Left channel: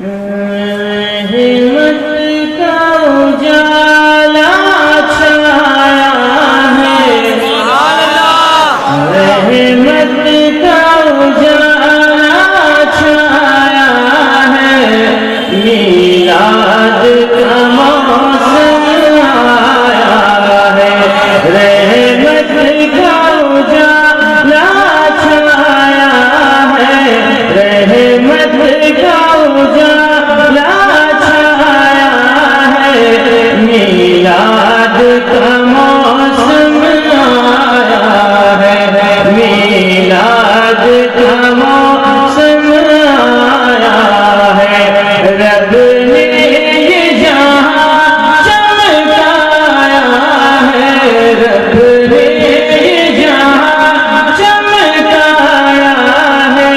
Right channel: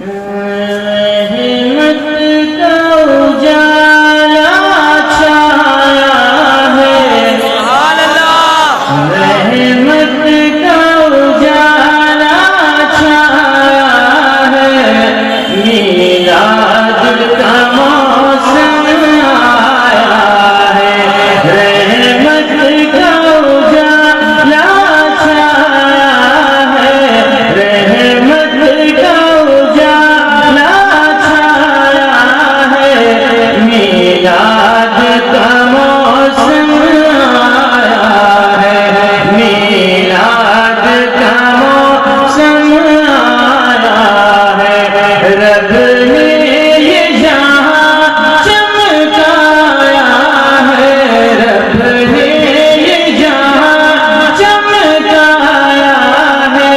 رحمت کا اجالا چھایا ہے، سبحان اللہ، رحمت کا اجالا چھایا ہے، میلاد کا موسم آیا ہے، رحمت کا اجالا چھایا ہے، رحمت کا اجالا چھایا ہے، میلاد کا موسم آیا ہے، میلاد کا موسم آیا ہے، رب نے یہ جہاں چمکایا ہے، رب نے یہ جہاں چمکایا ہے،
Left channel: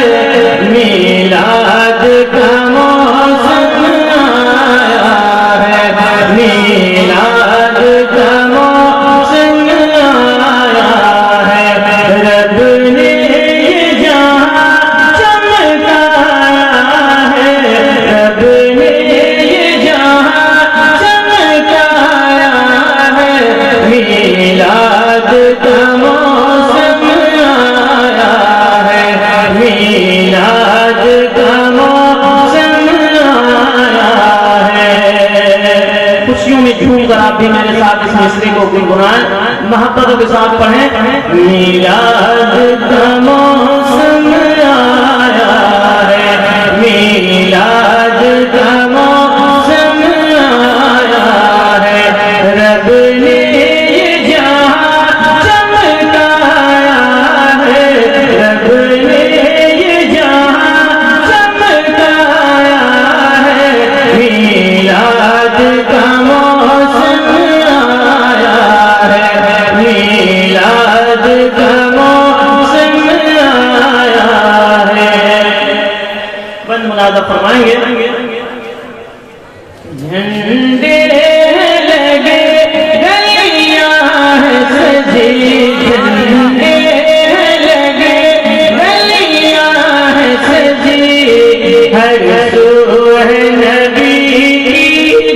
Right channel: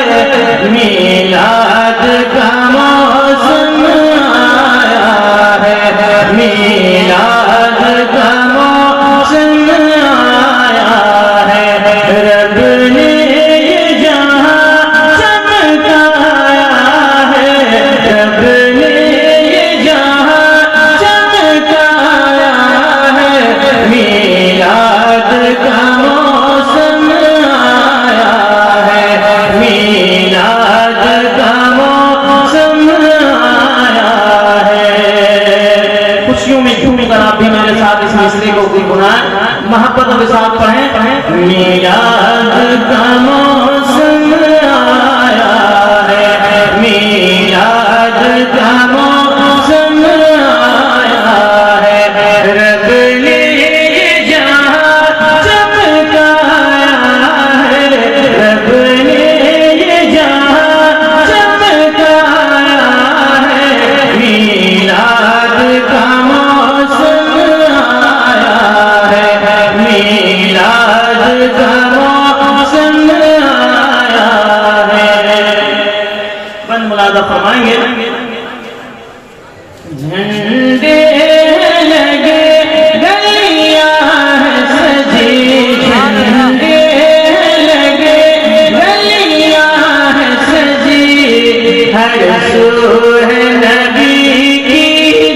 میلاد کا موسم آیا ہے، میلاد کا موسم آیا ہے، رب نے یہ جہاں چمکایا ہے، رب نے یہ جہاں چمکایا ہے، میلاد کا موسم آیا ہے، میلاد کا موسم آیا ہے۔ خوشیوں میں جھوم کر آپ بھی میرے ساتھ اس مسئلے کو گنگنائیں، محبتوں کے ساتھ پڑھیں، میلاد کا موسم آیا ہے، میلاد کا موسم آیا ہے، رب نے یہ جہاں چمکایا ہے، رب نے یہ جہاں چمکایا ہے، میلاد کا موسم آیا ہے، میلاد کا موسم آیا ہے۔ بند ملازہ فرمائیں گے، جھنڈے لگے گلیاں ہیں سجی، جھنڈے لگے گلیاں ہیں سجی، ہر سو ہے نبی کی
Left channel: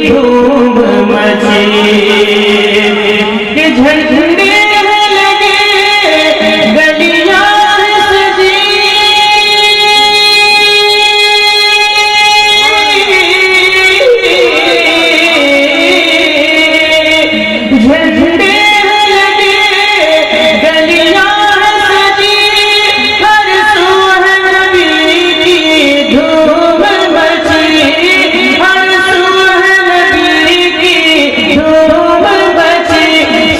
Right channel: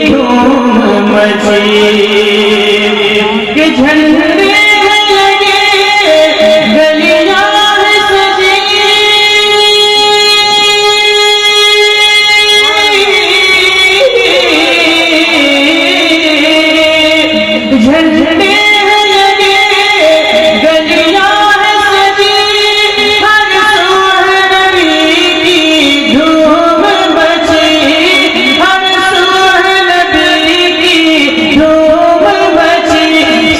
دھوم مچی، کہ جھنڈے لگے گلیاں ہیں سجی، جھنڈے لگے گلیاں ہیں سجی، ہر سو ہے نبی کی دھوم مچی، ہر سو ہے نبی کی دھوم مچی،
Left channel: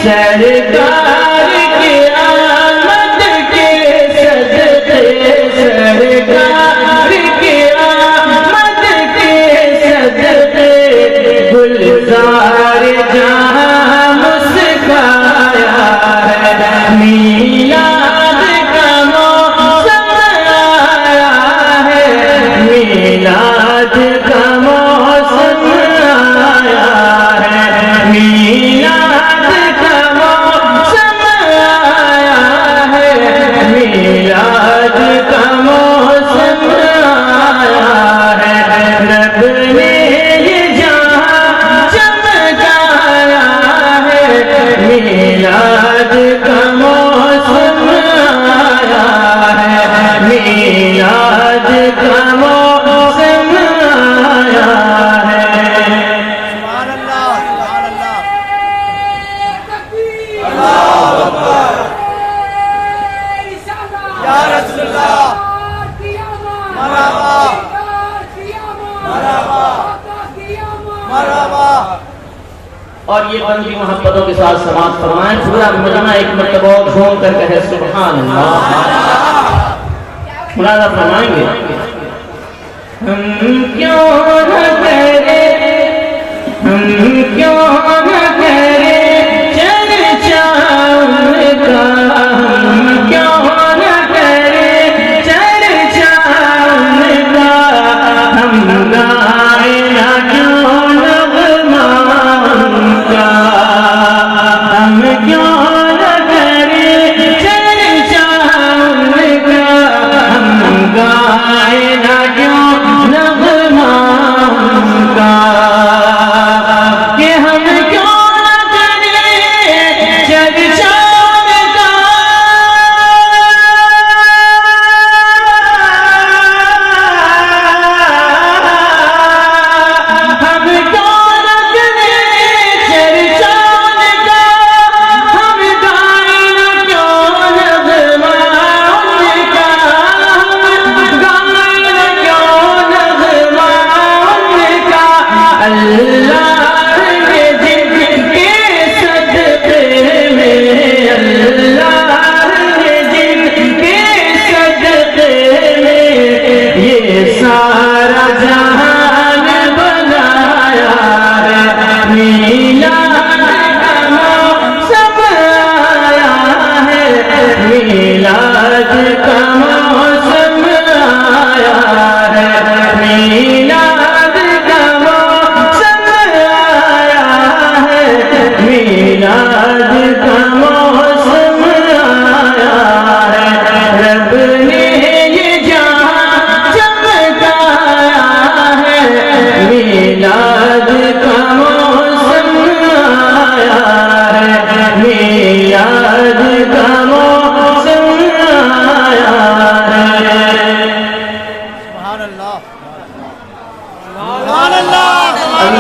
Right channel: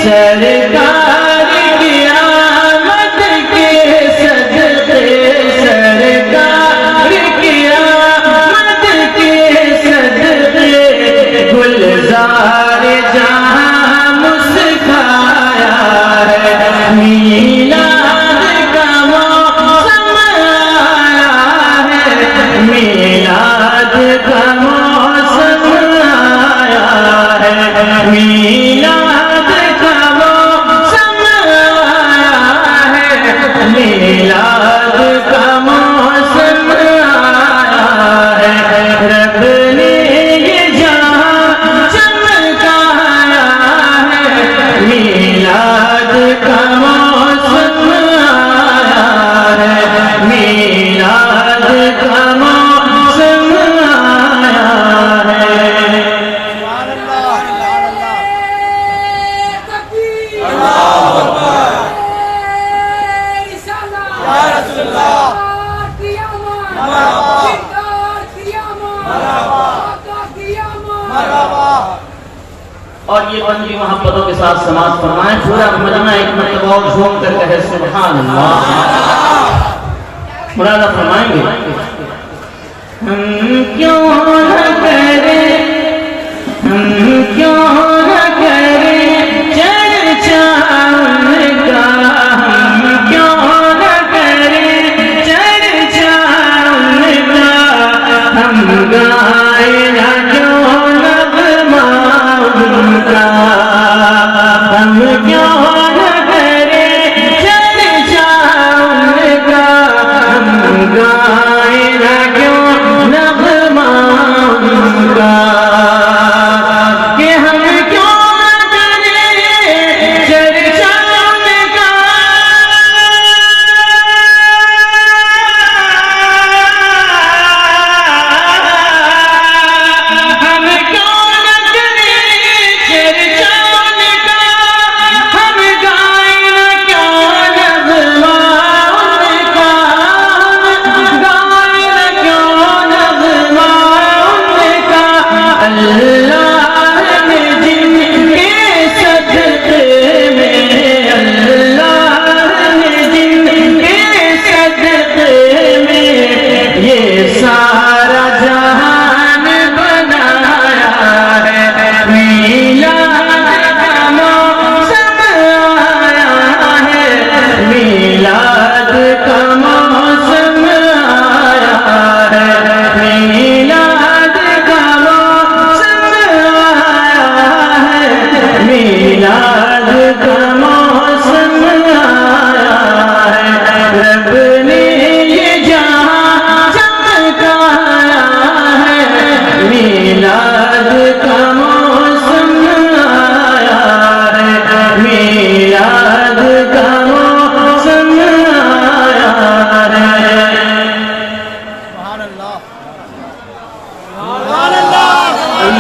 سرکار کی آمد کے صدقے، سرکار کی آمد کے صدقے، گلزار جہاں مسکایا ہے، میلاد کا موسم آیا ہے، میلاد کا موسم آیا ہے، میلاد کا موسم آیا ہے، میلاد کا موسم آیا ہے، رب نے یہ جہاں چمکایا ہے، میلاد کا موسم آیا ہے، میلاد کا موسم آیا ہے۔ سبحان اللہ، سبحان اللہ، یا رسول اللہ، مرحبا۔ اور یہ بندی محبتوں کے ساتھ سماعت فرمائیں، پورا مجمع ایک مرتبہ اور جھوم کر کہے سبحان اللہ۔ مرادہ فرمائیں گے، ہم کیوں نہ کریں، ہم کیوں نہ کریں چرچا ان کا، ہم کیوں نہ کریں چرچا ان کا، ہم گائیں نہ کیوں نغمہ ان کا، ہم کیوں نہ کریں چرچا ان کا، ہم گائیں نہ کیوں نغمہ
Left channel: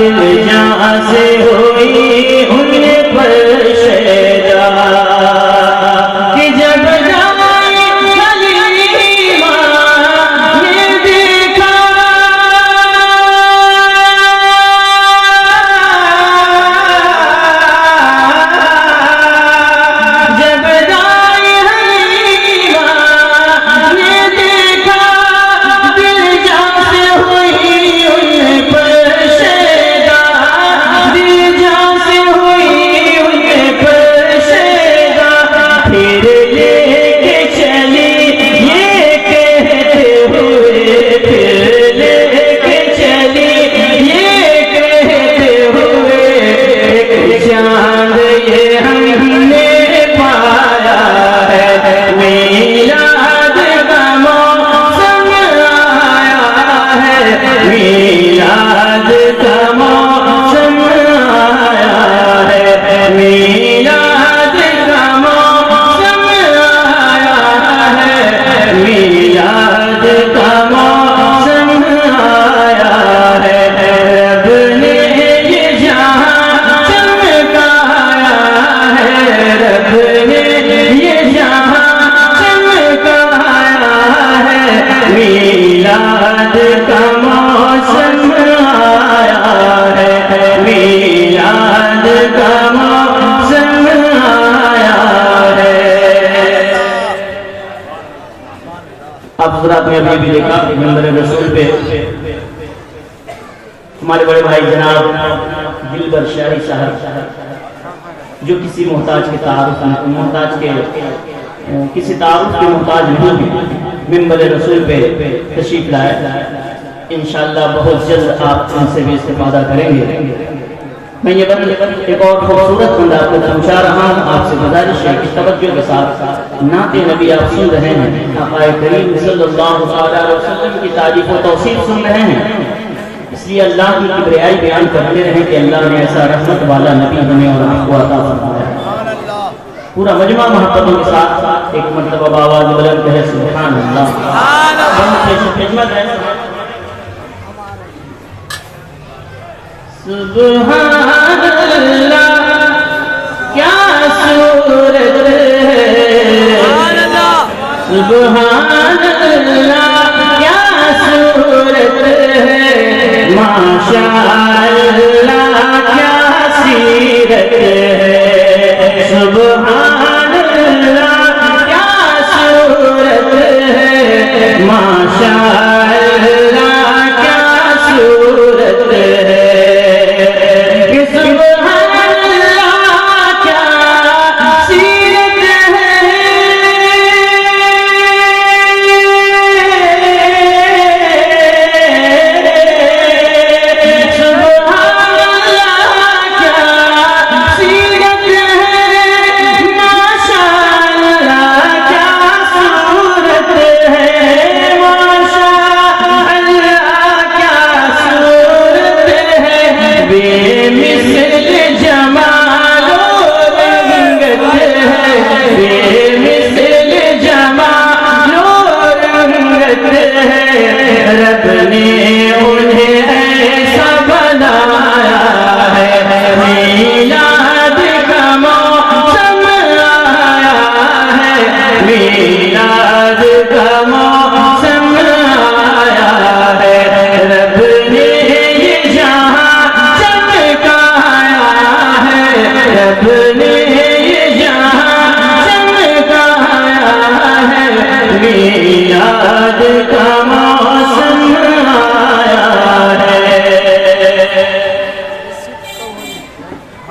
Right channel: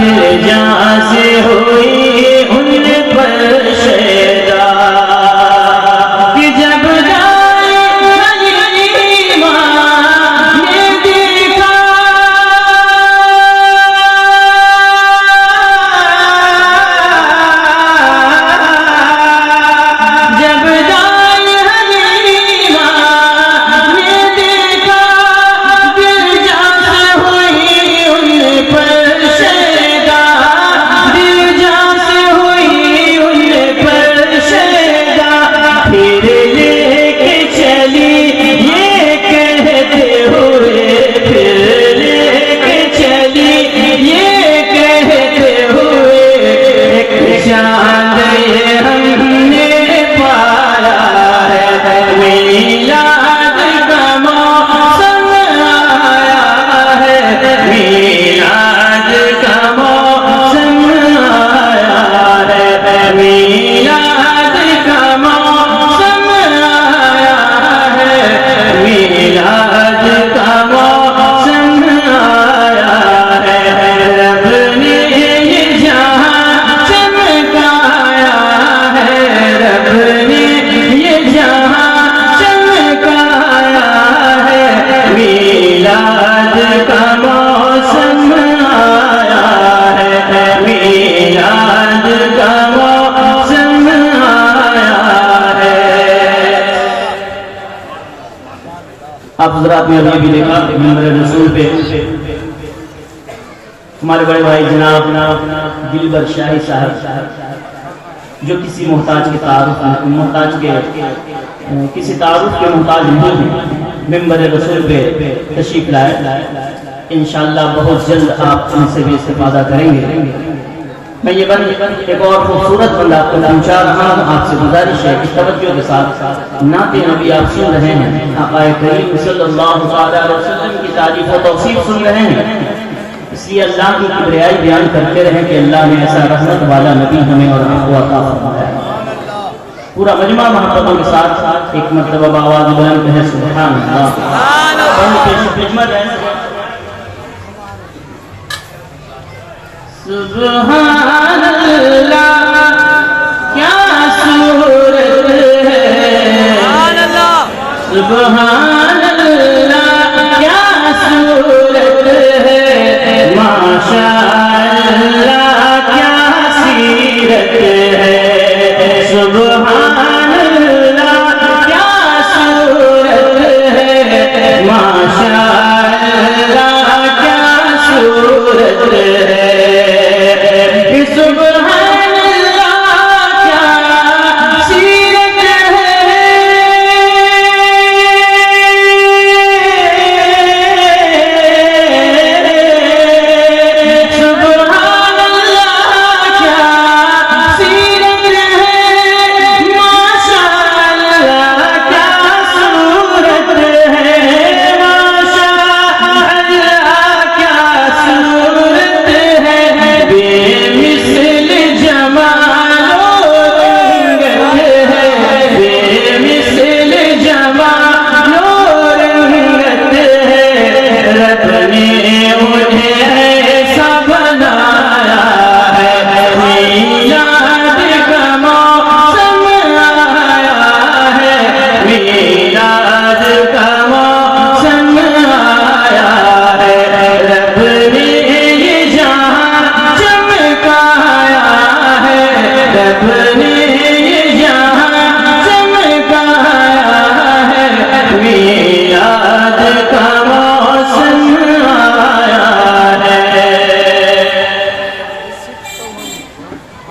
دل جان سے ہوئی ان پر شیدا کہ جب جائے حلیمہ نے دیکھا جب جائے حلیمہ نے دیکھا دل جان سے ہوئی ان پر شیدا دل جان سے ہوئی ان پر شیدا پھر لے کے چلی یہ کہتے ہوئے پھر لے کے چلی یہ کہتے ہوئے ایک چاند یہ ہم نے پایا ہے میلاد کا موسم آیا ہے میلاد کا موسم آیا ہے میلاد کا موسم آیا ہے میلاد کا موسم آیا ہے رب نے یہ جہاں چمکایا ہے رب نے یہ جہاں چمکایا ہے میلاد کا موسم آیا ہے میلاد کا موسم آیا ہے آپ حضرات نے ابھی بھی دیکھا ممبر رسول پہ ہمارے بڑے بھائی جناب دلبر شاہی صاحب جو کسی محتاج کے تعارف محتاج کے کسی تعارف کے محتاج نہیں ہیں ممبر رسول پہ تشریف لائے انشاءاللہ بہت جلد آپ ان سے بھی استفادہ کریں گے میں یہ بند ایک اور خوبصورت بند آپ کو پہنچا رہا ہوں آپ سے گزارش ہے کہ توجہ کے ساتھ نعت نبی آپ سن رہے ہیں آقا کریم صلی اللہ علیہ وسلم کی تعریف و توصیف سن رہے ہیں اس لیے اللہ کی کبریائی بیان کرتے رہیں کہ اللہ نے ایسا رحمت والا نبی ہمیں اور آپ کو عطا فرمایا پورا مجمع محبتوں کے ساتھ ایک مرتبہ آواز بلند ہے سبحان اللہ سبحان اللہ کیا صورت ہے سبحان اللہ کیا صورت ہے ماشاء اللہ کیا سیرت ہے سبحان اللہ کیا صورت ہے ماشاء اللہ کیا صورت ہے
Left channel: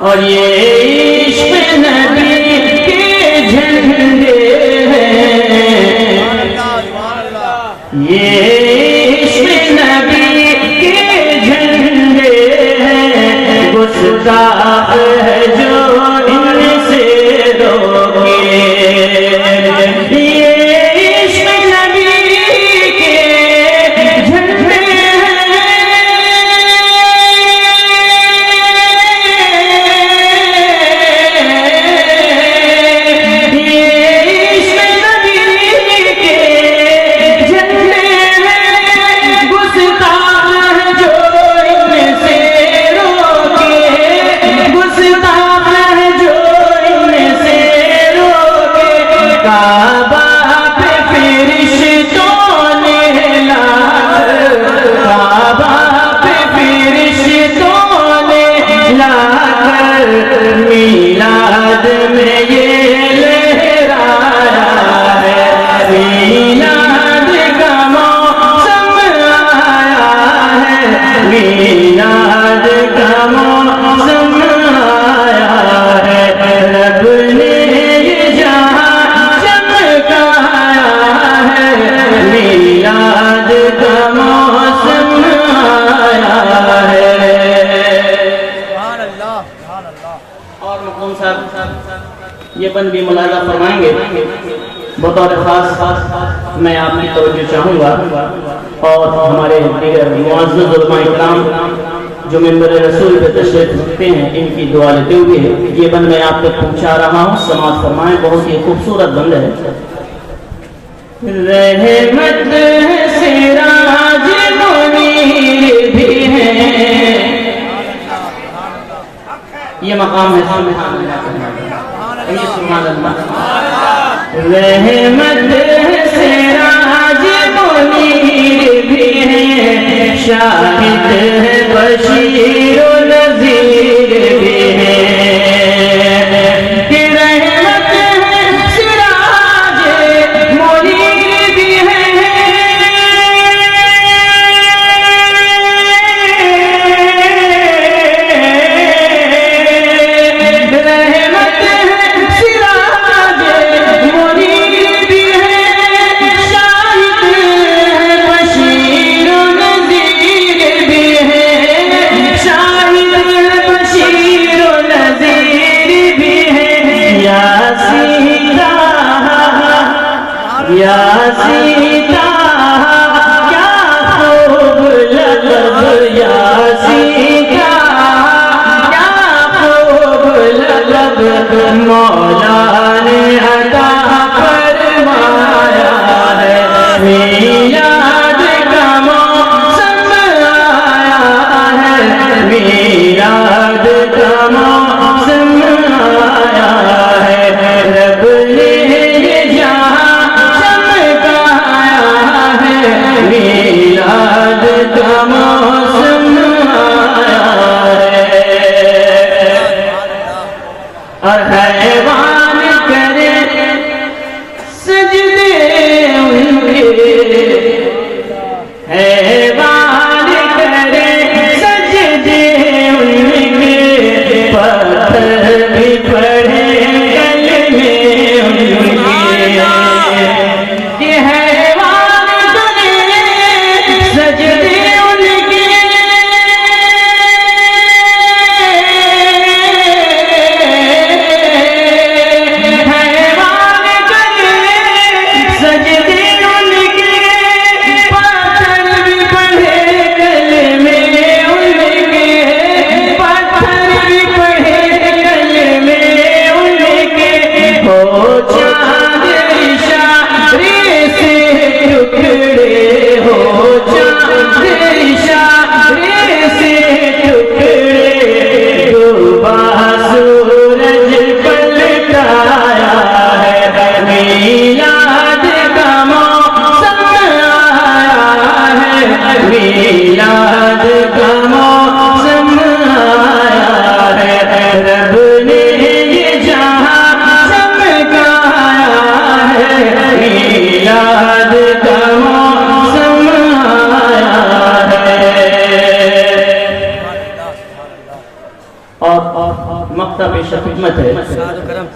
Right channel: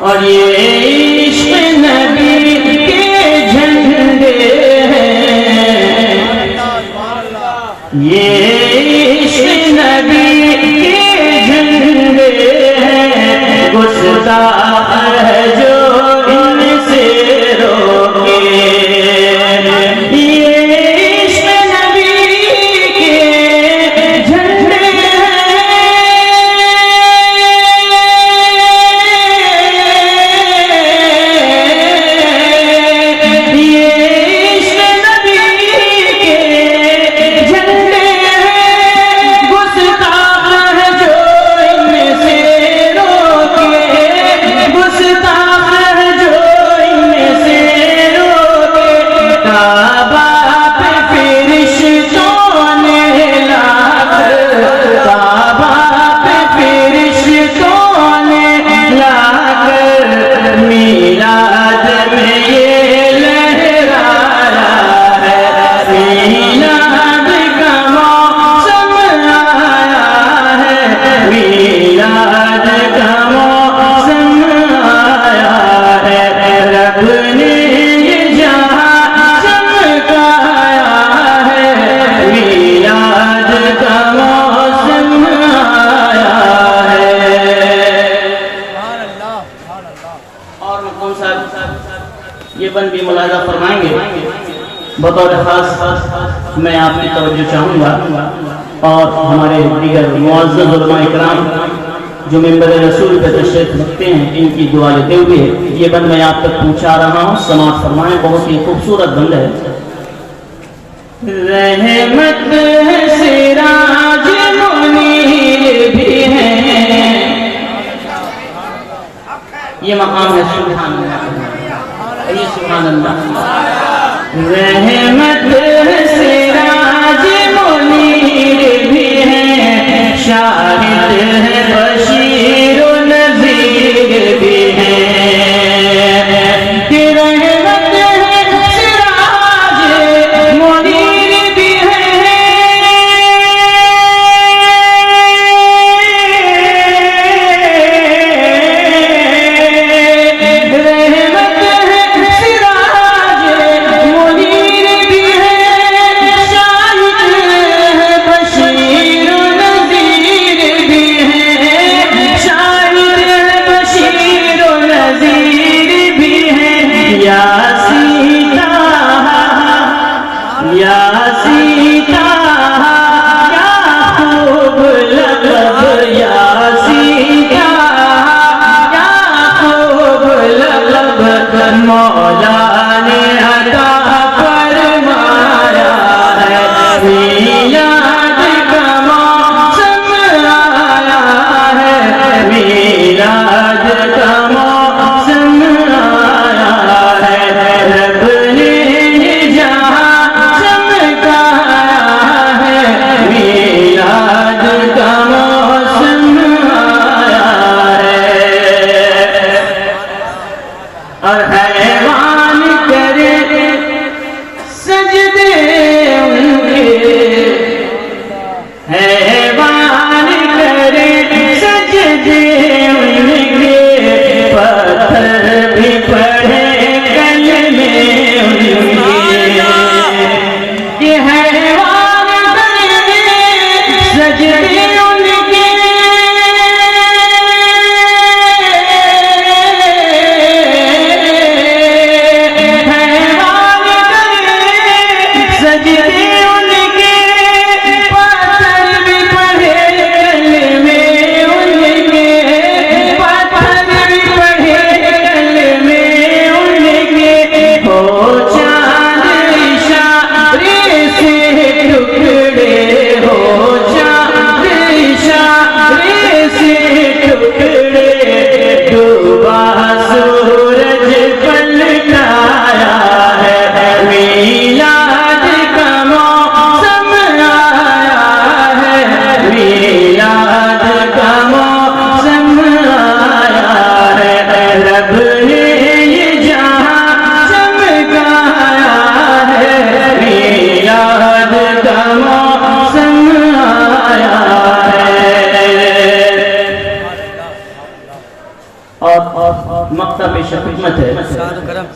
اور یہ عشق نبی کے جھنڈے ہیں یہ عشق نبی کے جھنڈے ہیں گستاخ ہے جو ان سے روکے صاحب یہ بند بھی ملاحظہ فرمائیں گے. بطور خاص میں آپ کی توجہ چاہوں گا اور ہمارے دیگر معزز علماء اکرام جو ممبر رسول پہ تشریف رکھتے ہیں ان کی دعا لیتے ہوئے یہ بند میں آپ تک پہنچا رہا ہوں. سماعت فرمائیں. بہت ہی خوبصورت بند ہے. رحمت سراج منیر بھی ہے. یہ مقام ہے سبحان اللہ. رحمت سراج منیر بھی ہے. شاہد ہے بشیر و نذیر بھی ہے.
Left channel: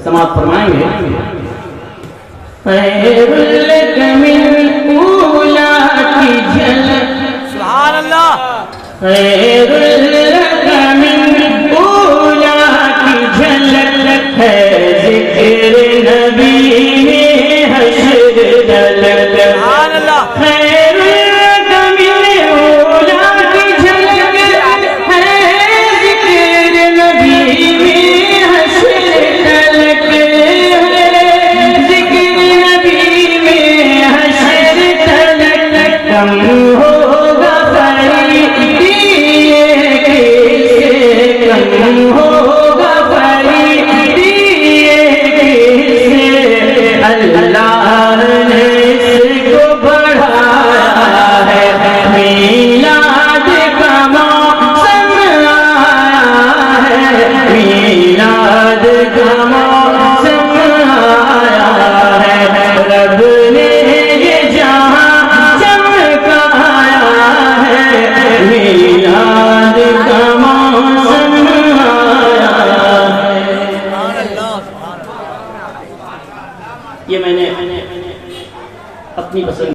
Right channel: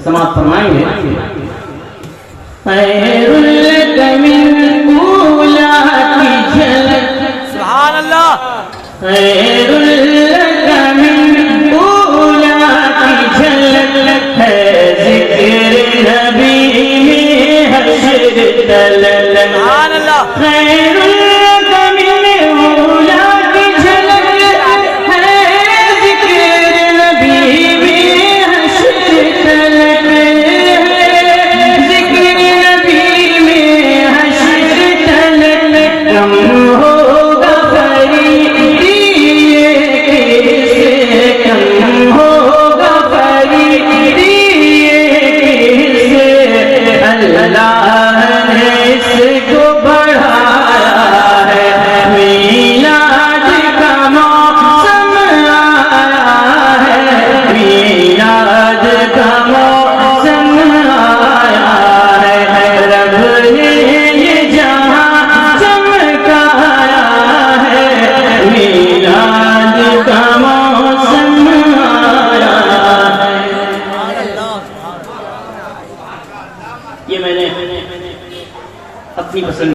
سماعت فرمائیں گے. خیر لک من اولا کی جھلک سبحان اللہ. خیر لک من اولا کی جھلک ہے ذکر نبی میں حشر دلل. سبحان اللہ. خیر لک من اولا کی جھلک ہے ذکر نبی میں یہ میں نے اپنی پسند